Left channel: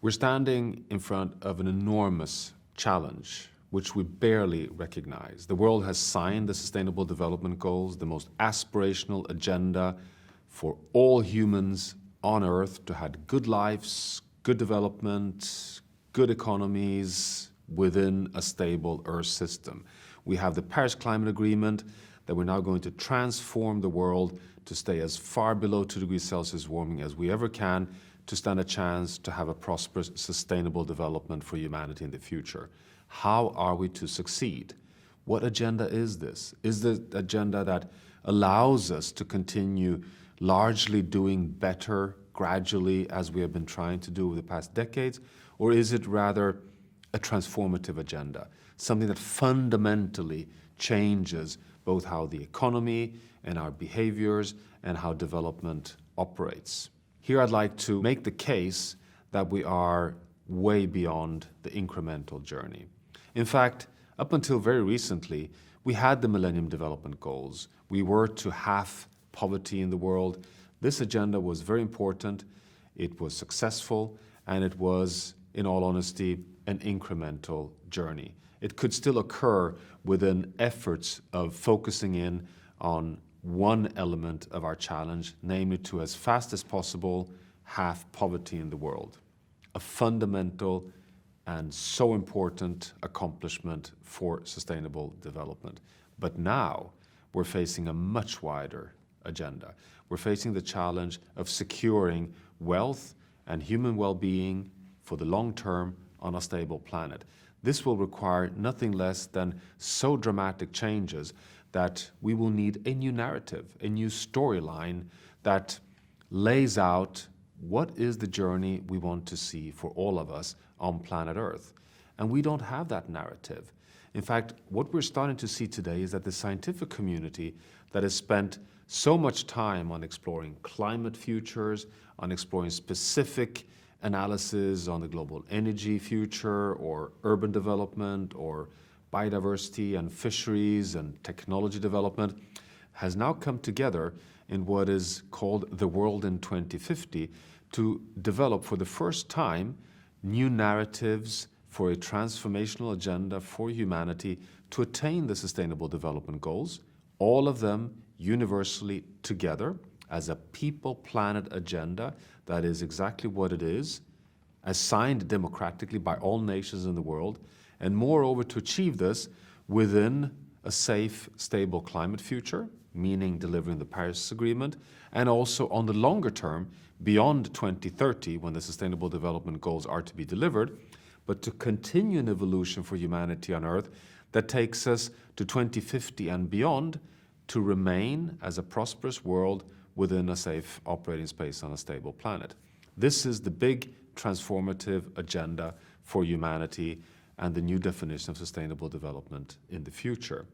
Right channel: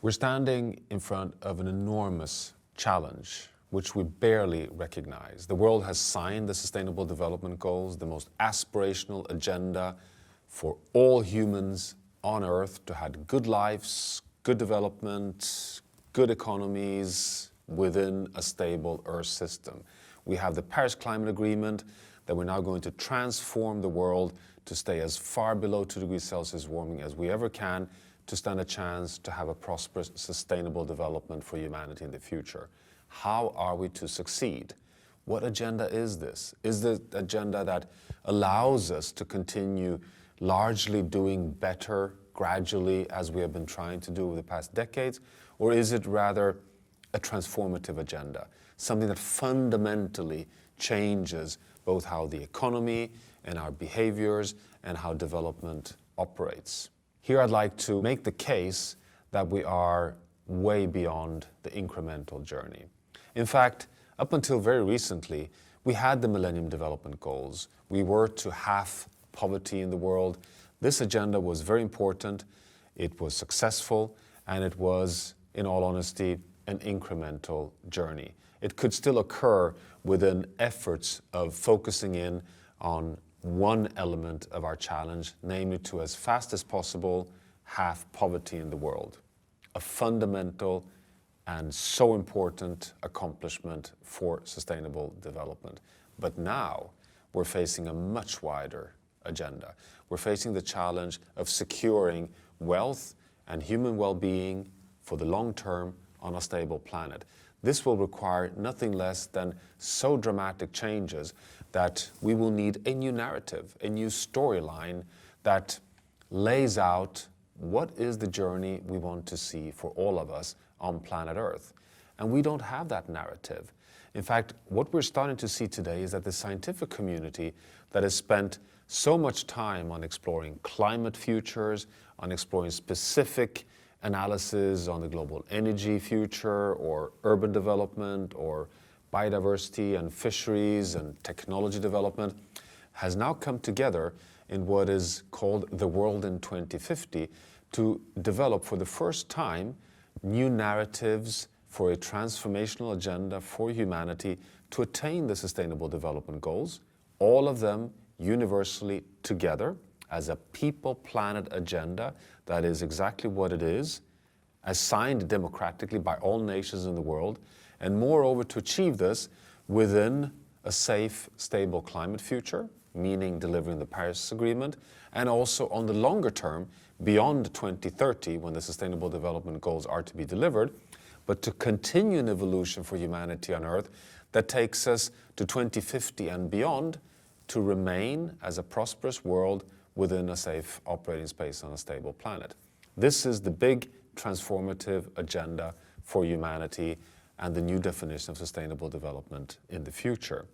We're standing in front of an enormous challenge, which we barely recognize. The world has signed the Sustainable Development Goals, the most aspirational agenda for all humans on Earth to have good lives, good development, good economies within a stable Earth system. We have the Paris Climate Agreement that we're now going to transform the world to stay as far below 2 degrees Celsius warming as we ever can to stand a chance to have a prosperous, sustainable development for humanity in the future. How are we to succeed? What agenda is this? Is the agenda that allows us to continue largely doing better gradually as we have been trying to do over the past decades? Or is it rather a transformative agenda, something that fundamentally changes both how the economy and our behaviors and how development operates? Here I'd like to make the case that we are way beyond the incremental journey. In fact, up until very recently, we had the Millennium Development Goals. We were to halve poverty in the world. This agenda was very important, it was successful, and it was, in all honesty, an incremental journey. It could still occur within efforts of focusing in on one element of our challenge, namely to, as fast as possible, halve poverty in the world. A fundamental and so important accomplishment for sustainable development. But now we're facing a much wider agenda. We're facing the challenge of securing wealth and human well-being for the long term on a stable planet. This will require nothing less than so dramatic changes that we will need a new narrative, a new storyline that lays out what is the journey we want to see for all of us on planet Earth. And we don't have that narrative. In fact, what we're starting to see today is that the scientific community that has spent so much time on exploring climate futures, on exploring specific analysis on the global energy future or urban development or biodiversity and fisheries and technology development, has now come together in what is called the World in 2050 to develop for the first time new narratives for a transformational agenda for humanity to attain the Sustainable Development Goals, all of them universally together as a people-planet agenda that is exactly what it is, as signed democratically by all nations in the world, and moreover to achieve this within a safe, stable climate future, meaning delivering the Paris Agreement, and also on the longer term, beyond 2030, when the Sustainable Development Goals are to be delivered, but to continue an evolution for humanity on Earth that takes us to 2050 and beyond to remain as a prosperous world within a safe operating space on a stable planet. This is the big transformative agenda for humanity and the new definition of sustainable development in the future.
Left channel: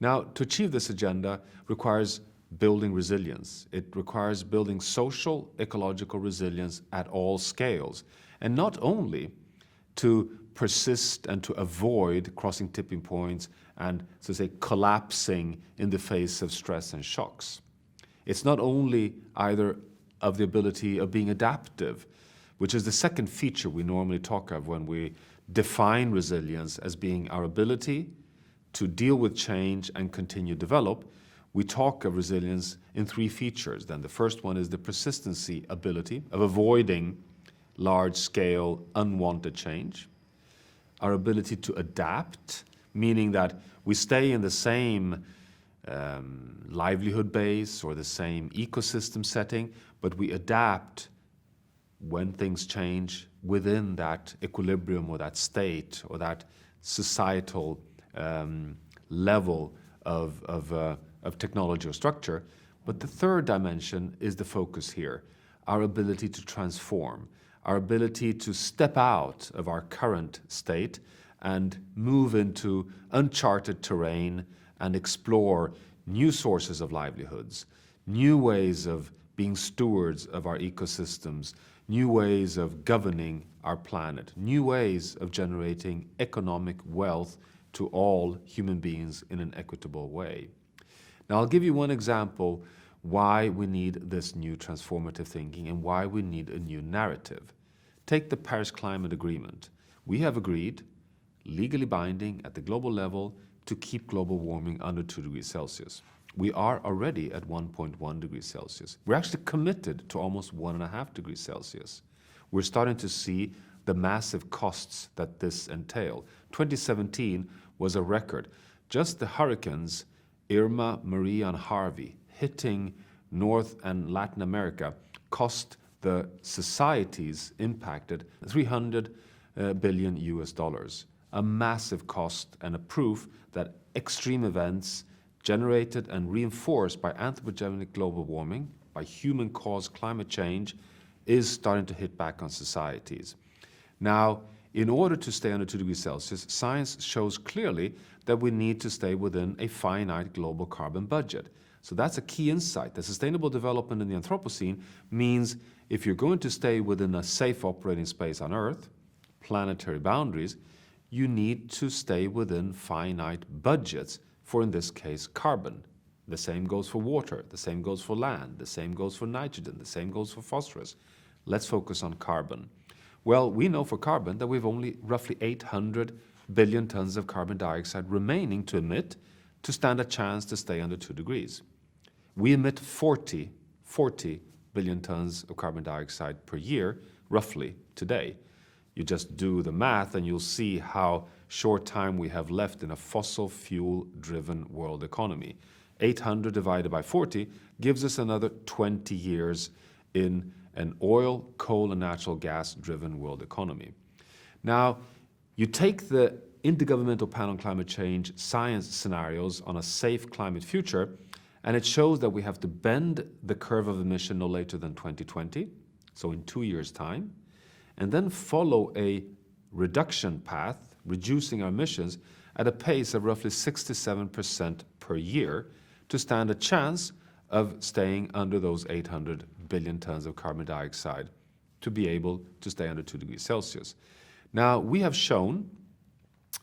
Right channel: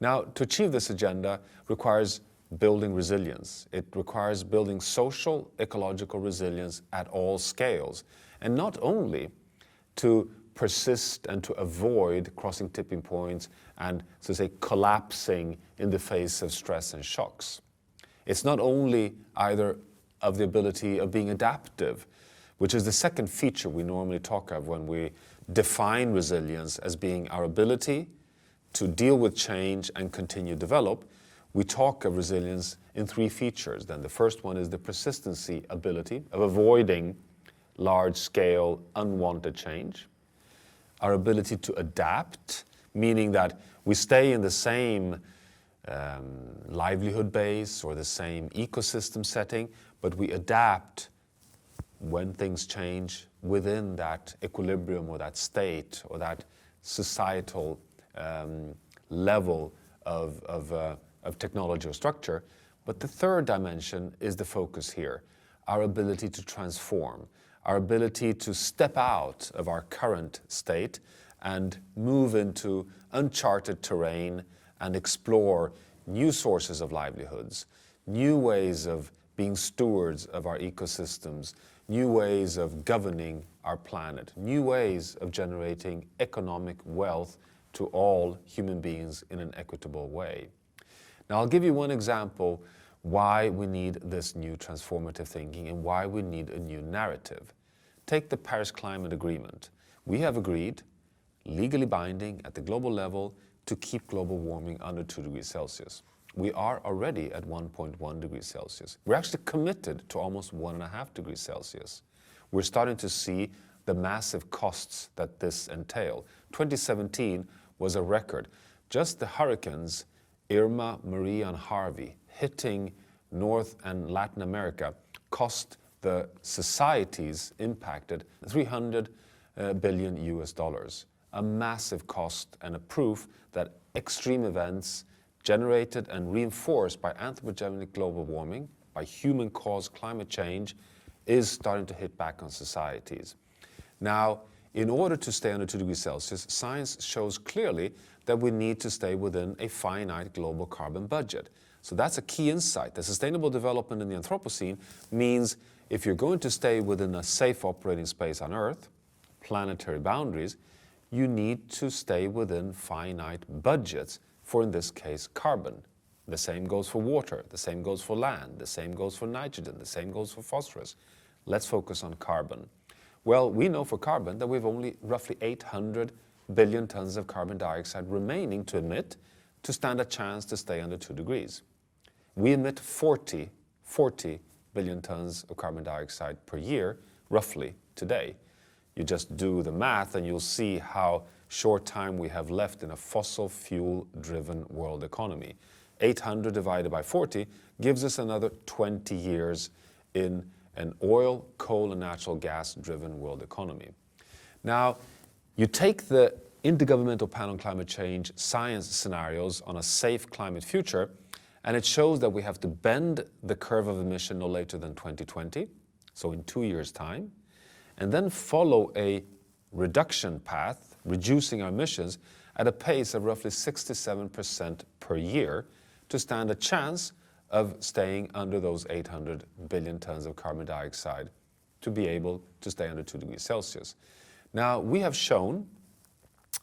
Now, to achieve this agenda requires building resilience. It requires building social, ecological resilience at all scales, and not only to persist and to avoid crossing tipping points and, so to say, collapsing in the face of stress and shocks. It's not only either of the ability of being adaptive, which is the second feature we normally talk of when we define resilience as being our ability to deal with change and continue to develop. We talk of resilience in three features. Then the first one is the persistency ability of avoiding large-scale unwanted change. Our ability to adapt, meaning that we stay in the same livelihood base or the same ecosystem setting, but we adapt when things change within that equilibrium or that state or that societal level of technology or structure. But the third dimension is the focus here, our ability to transform, our ability to step out of our current state and move into uncharted terrain and explore new sources of livelihoods, new ways of being stewards of our ecosystems, new ways of governing our planet, new ways of generating economic wealth to all human beings in an equitable way. Now, I'll give you one example why we need this new transformative thinking and why we need a new narrative. Take the Paris Climate Agreement. We have agreed, legally binding at the global level, to keep global warming under 2 degrees Celsius. We are already at 1.1 degrees Celsius. We're actually committed to almost 1.5 degrees Celsius. We're starting to see the massive costs that this entail. 2017 was a record. Just the hurricanes Irma, Maria, and Harvey hitting North and Latin America cost the societies impacted $300 billion US. A massive cost and a proof that extreme events generated and reinforced by anthropogenic global warming, by human-caused climate change, is starting to hit back on societies. Now, in order to stay under 2 degrees Celsius, science shows clearly that we need to stay within a finite global carbon budget. So that's a key insight. The sustainable development in the Anthropocene means if you're going to stay within a safe operating space on Earth, planetary boundaries, you need to stay within finite budgets for, in this case, carbon. The same goes for water, the same goes for land, the same goes for nitrogen, the same goes for phosphorus. Let's focus on carbon. Well, we know for carbon that we've only roughly 800 billion tons of carbon dioxide remaining to emit to stand a chance to stay under 2 degrees. We emit 40 billion tons of carbon dioxide per year, roughly, today. You just do the math and you'll see how short time we have left in a fossil fuel-driven world economy. 800 divided by 40 gives us another 20 years in an oil, coal, and natural gas-driven world economy. Now, you take the Intergovernmental Panel on Climate Change science scenarios on a safe climate future, and it shows that we have to bend the curve of emission no later than 2020, so in 2 years' time, and then follow a reduction path, reducing our emissions at a pace of roughly 6 to 7% per year to stand a chance of staying under those 800 billion tons of carbon dioxide to be able to stay under 2 degrees Celsius. Now, we have shown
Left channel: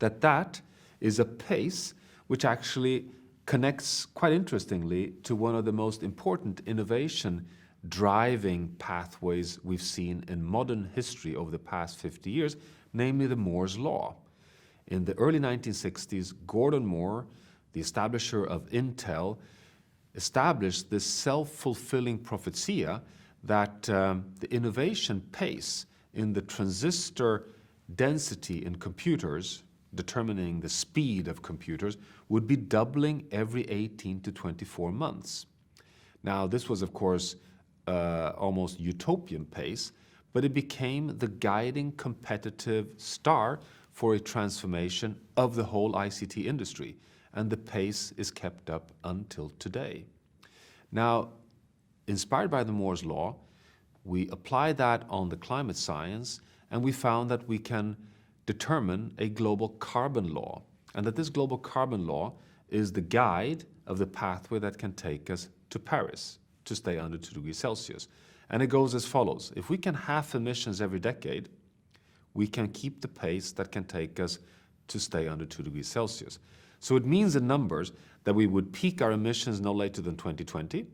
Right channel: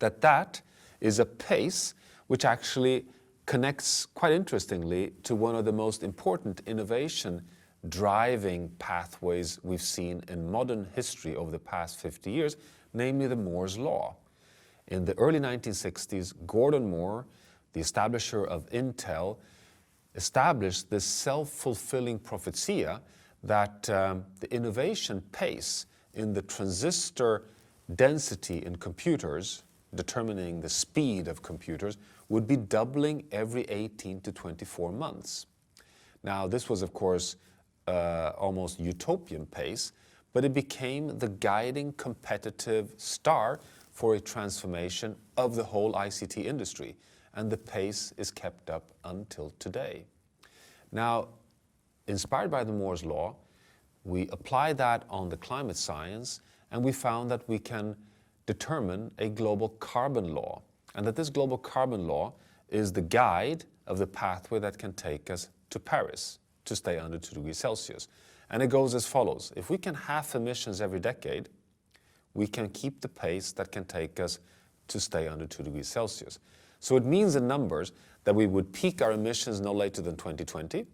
that that is a pace which actually connects, quite interestingly, to one of the most important innovation driving pathways we've seen in modern history over the past 50 years, namely the Moore's Law. In the early 1960s, Gordon Moore, the establisher of Intel, established this self-fulfilling prophecia that the innovation pace in the transistor density in computers, determining the speed of computers, would be doubling every 18 to 24 months. Now, this was, of course, almost utopian pace, but it became the guiding competitive star for a transformation of the whole ICT industry, and the pace is kept up until today. Now, inspired by the Moore's Law, we apply that on the climate science, and we found that we can determine a global carbon law, and that this global carbon law is the guide of the pathway that can take us to Paris to stay under 2 degrees Celsius. And it goes as follows. If we can halve emissions every decade, we can keep the pace that can take us to stay under 2 degrees Celsius. So it means in numbers that we would peak our emissions no later than 2020,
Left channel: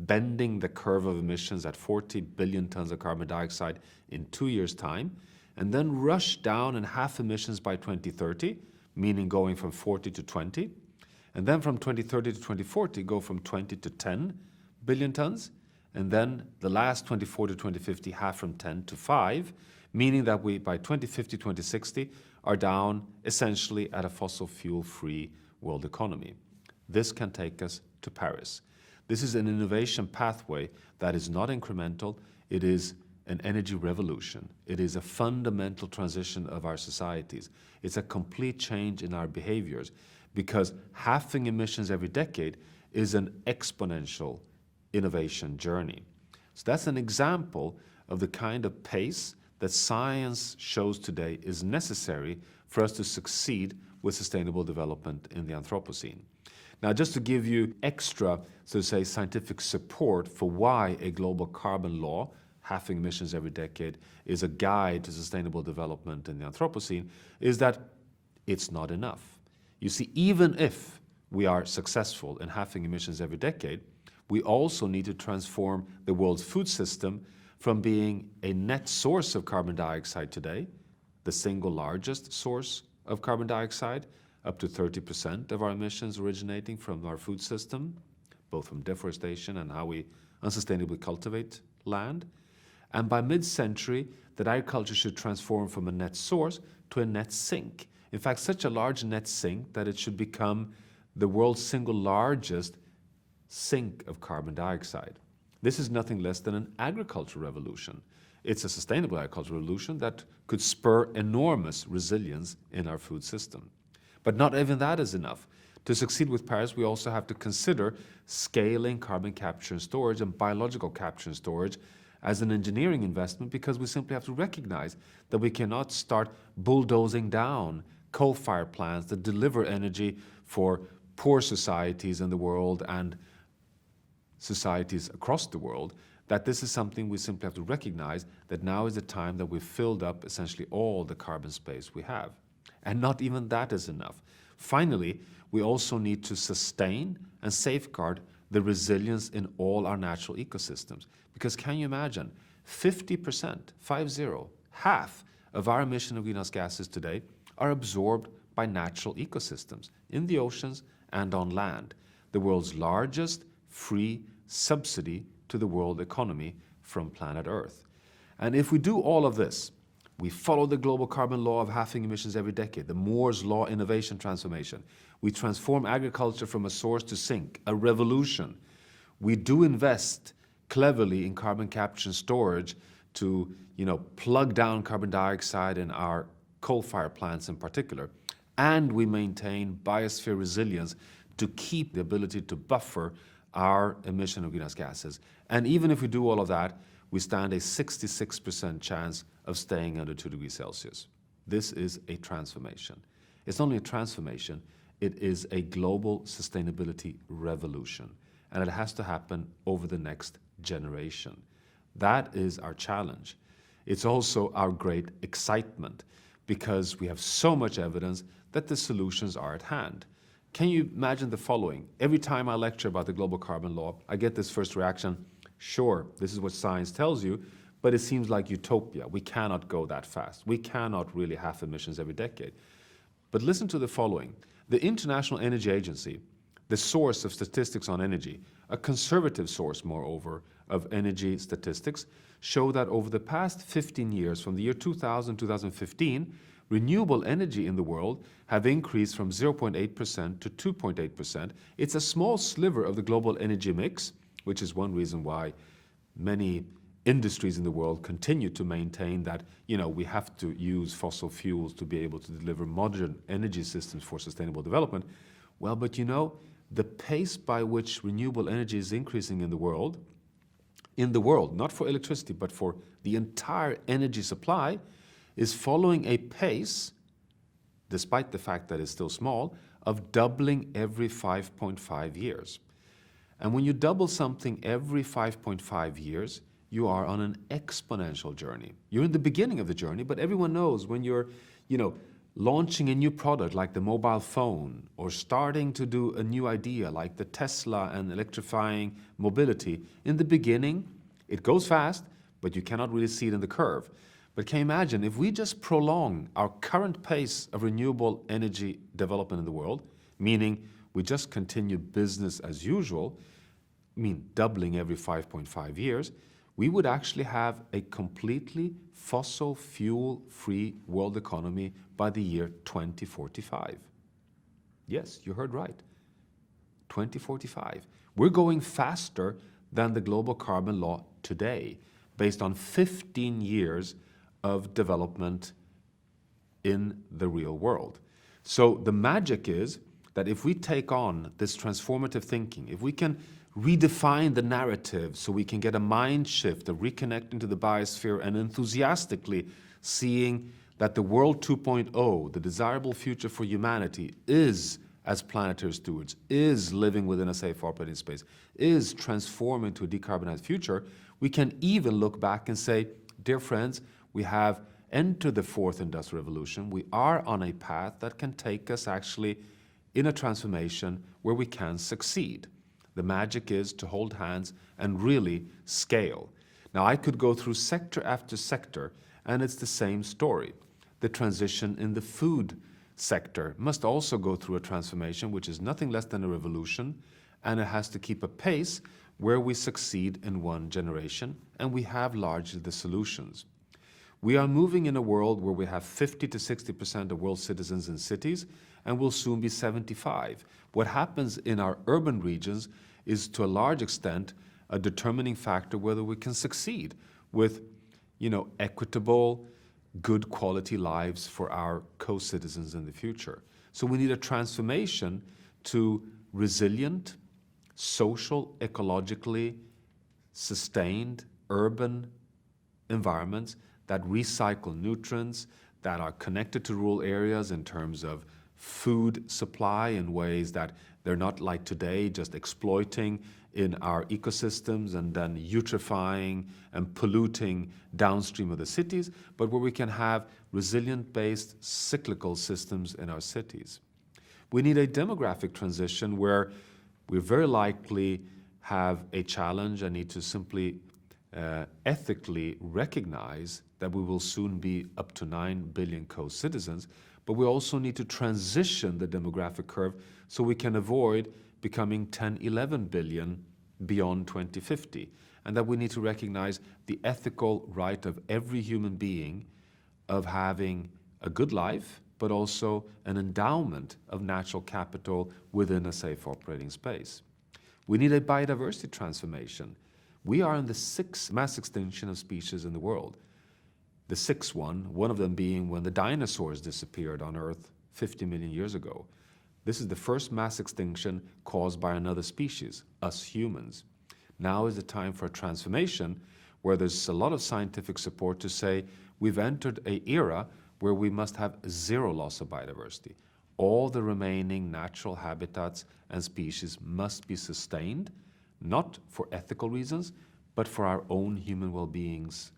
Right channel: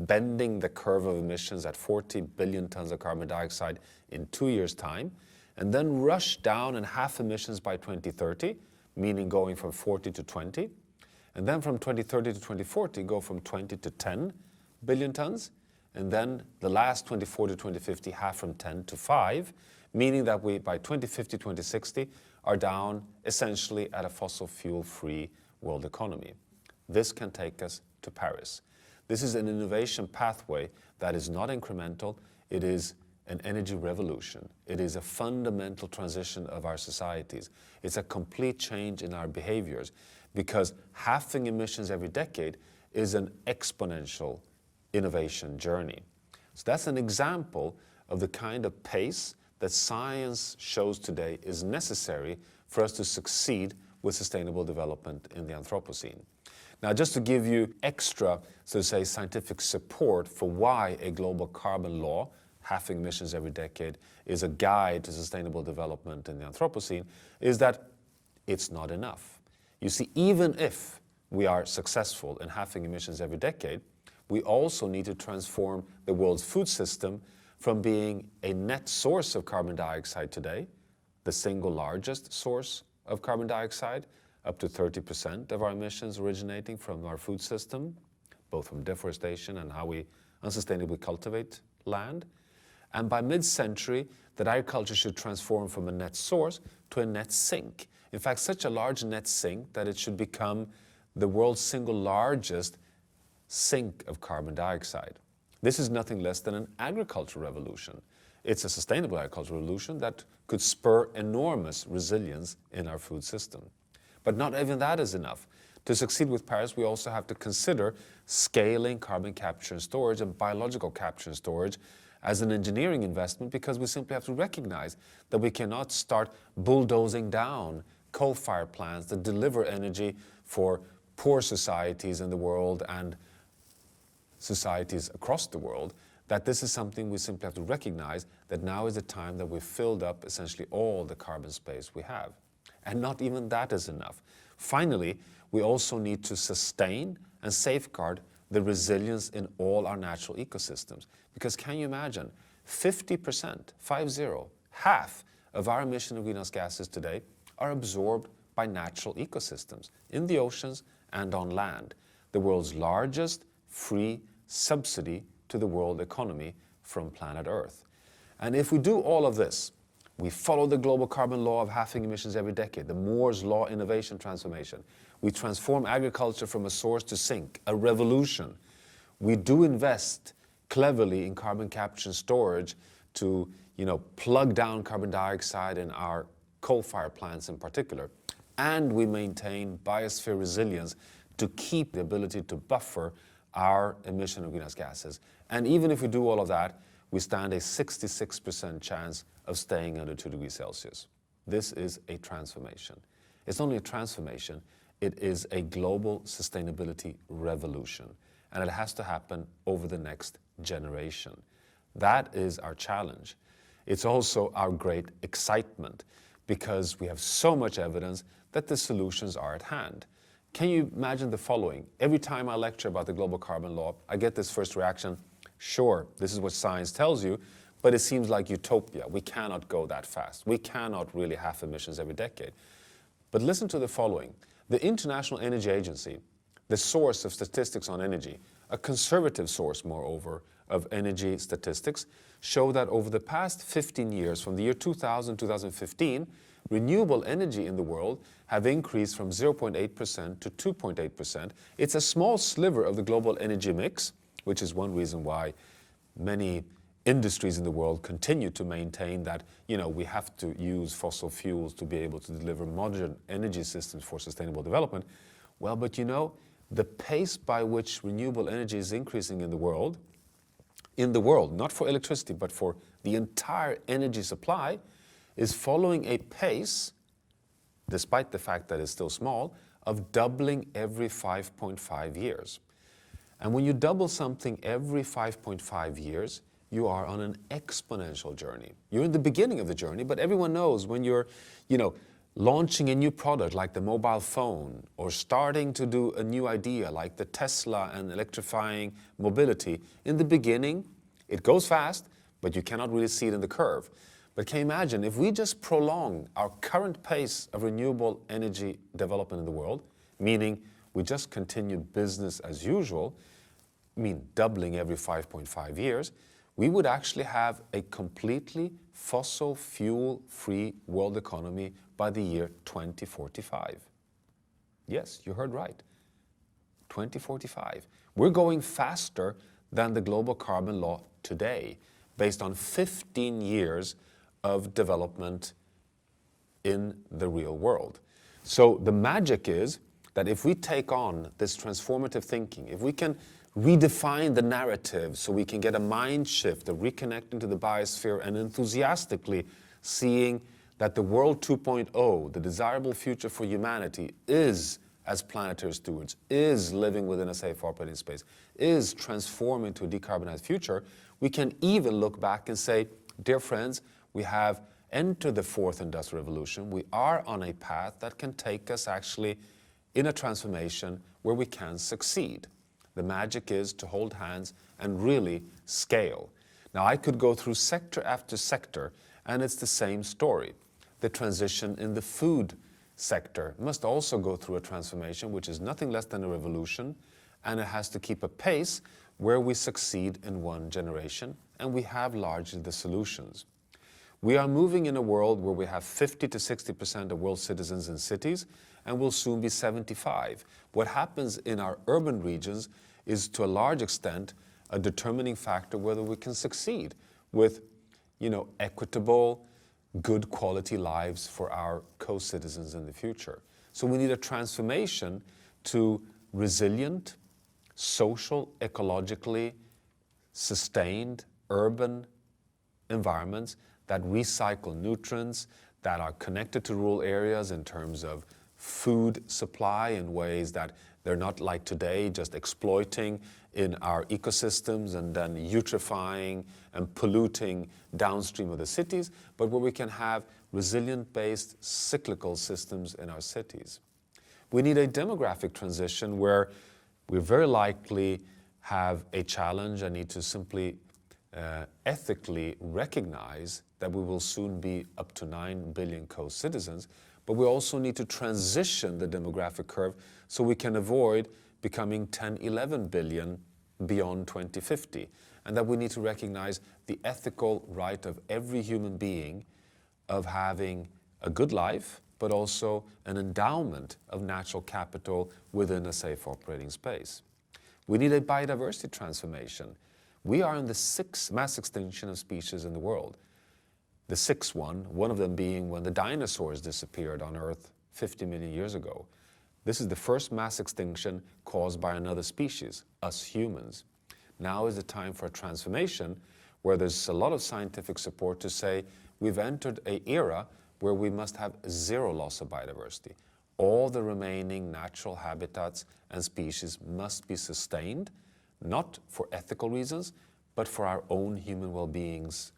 bending the curve of emissions at 40 billion tons of carbon dioxide in 2 years' time, and then rush down and half emissions by 2030, meaning going from 40 to 20, and then from 2030 to 2040 go from 20 to 10 billion tons, and then the last 2040 to 2050 half from 10 to 5, meaning that we by 2050, 2060 are down essentially at a fossil fuel-free world economy. This can take us to Paris. This is an innovation pathway that is not incremental, it is an energy revolution. It is a fundamental transition of our societies. It's a complete change in our behaviors, because halving emissions every decade is an exponential innovation journey. So that's an example of the kind of pace that science shows today is necessary for us to succeed with sustainable development in the Anthropocene. Now, just to give you extra, so to say, scientific support for why a global carbon law, halving emissions every decade, is a guide to sustainable development in the Anthropocene, is that it's not enough. You see, even if we are successful in halving emissions every decade, we also need to transform the world's food system from being a net source of carbon dioxide today, the single largest source of carbon dioxide, up to 30% of our emissions originating from our food system, both from deforestation and how we unsustainably cultivate land. And by mid-century, that agriculture should transform from a net source to a net sink. In fact, such a large net sink that it should become the world's single largest sink of carbon dioxide. This is nothing less than an agricultural revolution. It's a sustainable agricultural revolution that could spur enormous resilience in our food system. But not even that is enough. To succeed with Paris, we also have to consider scaling carbon capture and storage and biological capture and storage as an engineering investment, because we simply have to recognize that we cannot start bulldozing down coal-fired plants that deliver energy for poor societies in the world and societies across the world, that this is something we simply have to recognize, that now is the time that we've filled up essentially all the carbon space we have. And not even that is enough. Finally, we also need to sustain and safeguard the resilience in all our natural ecosystems. Because can you imagine, 50%, 50, half of our emission of greenhouse gases today are absorbed by natural ecosystems in the oceans and on land, the world's largest free subsidy to the world economy from planet Earth. And if we do all of this, we follow the global carbon law of halving emissions every decade, the Moore's law innovation transformation. We transform agriculture from a source to sink, a revolution. We do invest cleverly in carbon capture and storage to, plug down carbon dioxide in our coal-fired plants in particular. And we maintain biosphere resilience to keep the ability to buffer our emission of greenhouse gases. And even if we do all of that, we stand a 66% chance of staying under 2 degrees Celsius. This is a transformation. It's not only a transformation, it is a global sustainability revolution. And it has to happen over the next generation. That is our challenge. It's also our great excitement, because we have so much evidence that the solutions are at hand. Can you imagine the following? Every time I lecture about the global carbon law, I get this first reaction: sure, this is what science tells you, but it seems like utopia. We cannot go that fast. We cannot really halve emissions every decade. But listen to the following. The International Energy Agency, the source of statistics on energy, a conservative source, moreover, of energy statistics, show that over the past 15 years, from the year 2000 to 2015, renewable energy in the world have increased from 0.8% to 2.8%. It's a small sliver of the global energy mix, which is one reason why many industries in the world continue to maintain that, we have to use fossil fuels to be able to deliver modern energy systems for sustainable development. Well, but the pace by which renewable energy is increasing in the world, not for electricity, but for the entire energy supply, is following a pace, despite the fact that it's still small, of doubling every 5.5 years. And when you double something every 5.5 years, you are on an exponential journey. You're in the beginning of the journey, but everyone knows when you're, launching a new product like the mobile phone, or starting to do a new idea like the Tesla and electrifying mobility, in the beginning, it goes fast, but you cannot really see it in the curve. But can you imagine if we just prolong our current pace of renewable energy development in the world, meaning we just continue business as usual, doubling every 5.5 years, we would actually have a completely fossil fuel-free world economy by the year 2045. Yes, you heard right. 2045. We're going faster than the global carbon law today, based on 15 years of development in the real world. So the magic is that if we take on this transformative thinking, if we can redefine the narrative so we can get a mind shift of reconnecting to the biosphere and enthusiastically seeing that the world 2.0, the desirable future for humanity, is as planetary stewards, is living within a safe operating space, is transforming to a decarbonized future, we can even look back and say, dear friends, we have entered the fourth industrial revolution. We are on a path that can take us actually in a transformation where we can succeed. The magic is to hold hands and really scale. Now, I could go through sector after sector, and it's the same story. The transition in the food sector must also go through a transformation, which is nothing less than a revolution, and it has to keep a pace where we succeed in one generation, and we have largely the solutions. We are moving in a world where we have 50 to 60% of world citizens in cities, and will soon be 75. What happens in our urban regions is to a large extent a determining factor whether we can succeed with, equitable, good quality lives for our co-citizens in the future. So we need a transformation to resilient, social, ecologically sustained urban environments that recycle nutrients, that are connected to rural areas in terms of food supply in ways that they're not like today, just exploiting in our ecosystems and then eutrophying and polluting downstream of the cities, but where we can have resilient-based cyclical systems in our cities. We need a demographic transition where we very likely have a challenge and need to simply ethically recognize that we will soon be up to 9 billion co-citizens, but we also need to transition the demographic curve so we can avoid becoming 10, 11 billion beyond 2050. And that we need to recognize the ethical right of every human being of having a good life, but also an endowment of natural capital within a safe operating space. We need a biodiversity transformation. We are in the 6th mass extinction of species in the world. The 6th one of them being when the dinosaurs disappeared on Earth 50 million years ago. This is the first mass extinction caused by another species, us humans. Now is the time for a transformation where there's a lot of scientific support to say we've entered an era where we must have zero loss of biodiversity. All the remaining natural habitats and species must be sustained, not for ethical reasons, but for our own human well-being's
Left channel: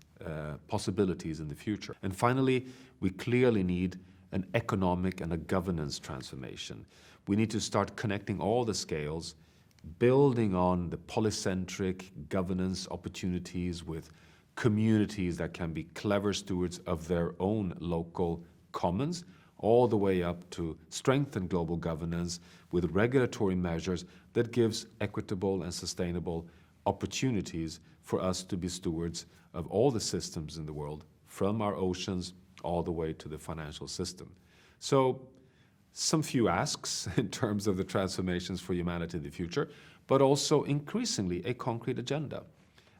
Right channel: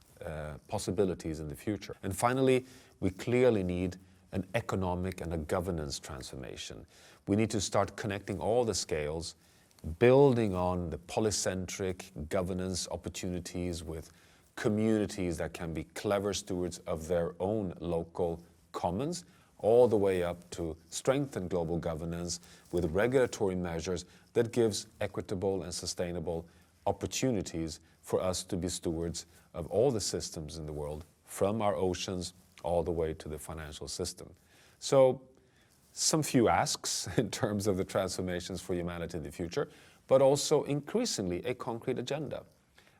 possibilities in the future. And finally, we clearly need an economic and a governance transformation. We need to start connecting all the scales, building on the polycentric governance opportunities with communities that can be clever stewards of their own local commons, all the way up to strengthen global governance with regulatory measures that gives equitable and sustainable opportunities for us to be stewards of all the systems in the world, from our oceans all the way to the financial system. So some few asks in terms of the transformations for humanity in the future, but also increasingly a concrete agenda.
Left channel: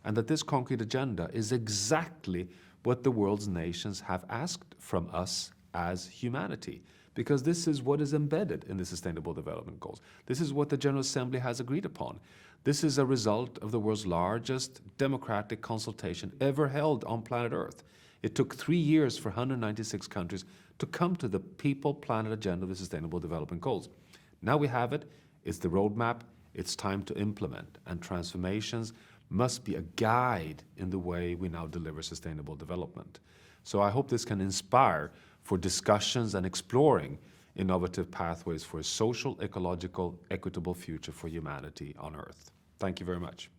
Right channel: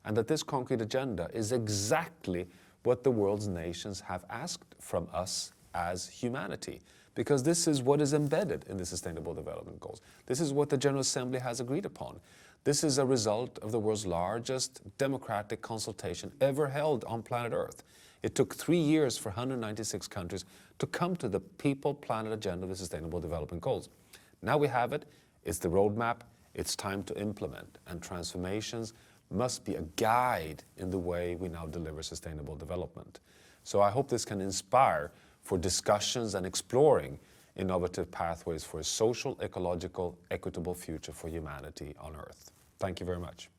And that this concrete agenda is exactly what the world's nations have asked from us as humanity, because this is what is embedded in the Sustainable Development Goals. This is what the General Assembly has agreed upon. This is a result of the world's largest democratic consultation ever held on planet Earth. It took 3 years for 196 countries to come to the People, Planet agenda of the Sustainable Development Goals. Now we have it, it's the roadmap, it's time to implement, and transformations must be a guide in the way we now deliver sustainable development. So I hope this can inspire for discussions and exploring innovative pathways for a social, ecological, equitable future for humanity on Earth. Thank you very much.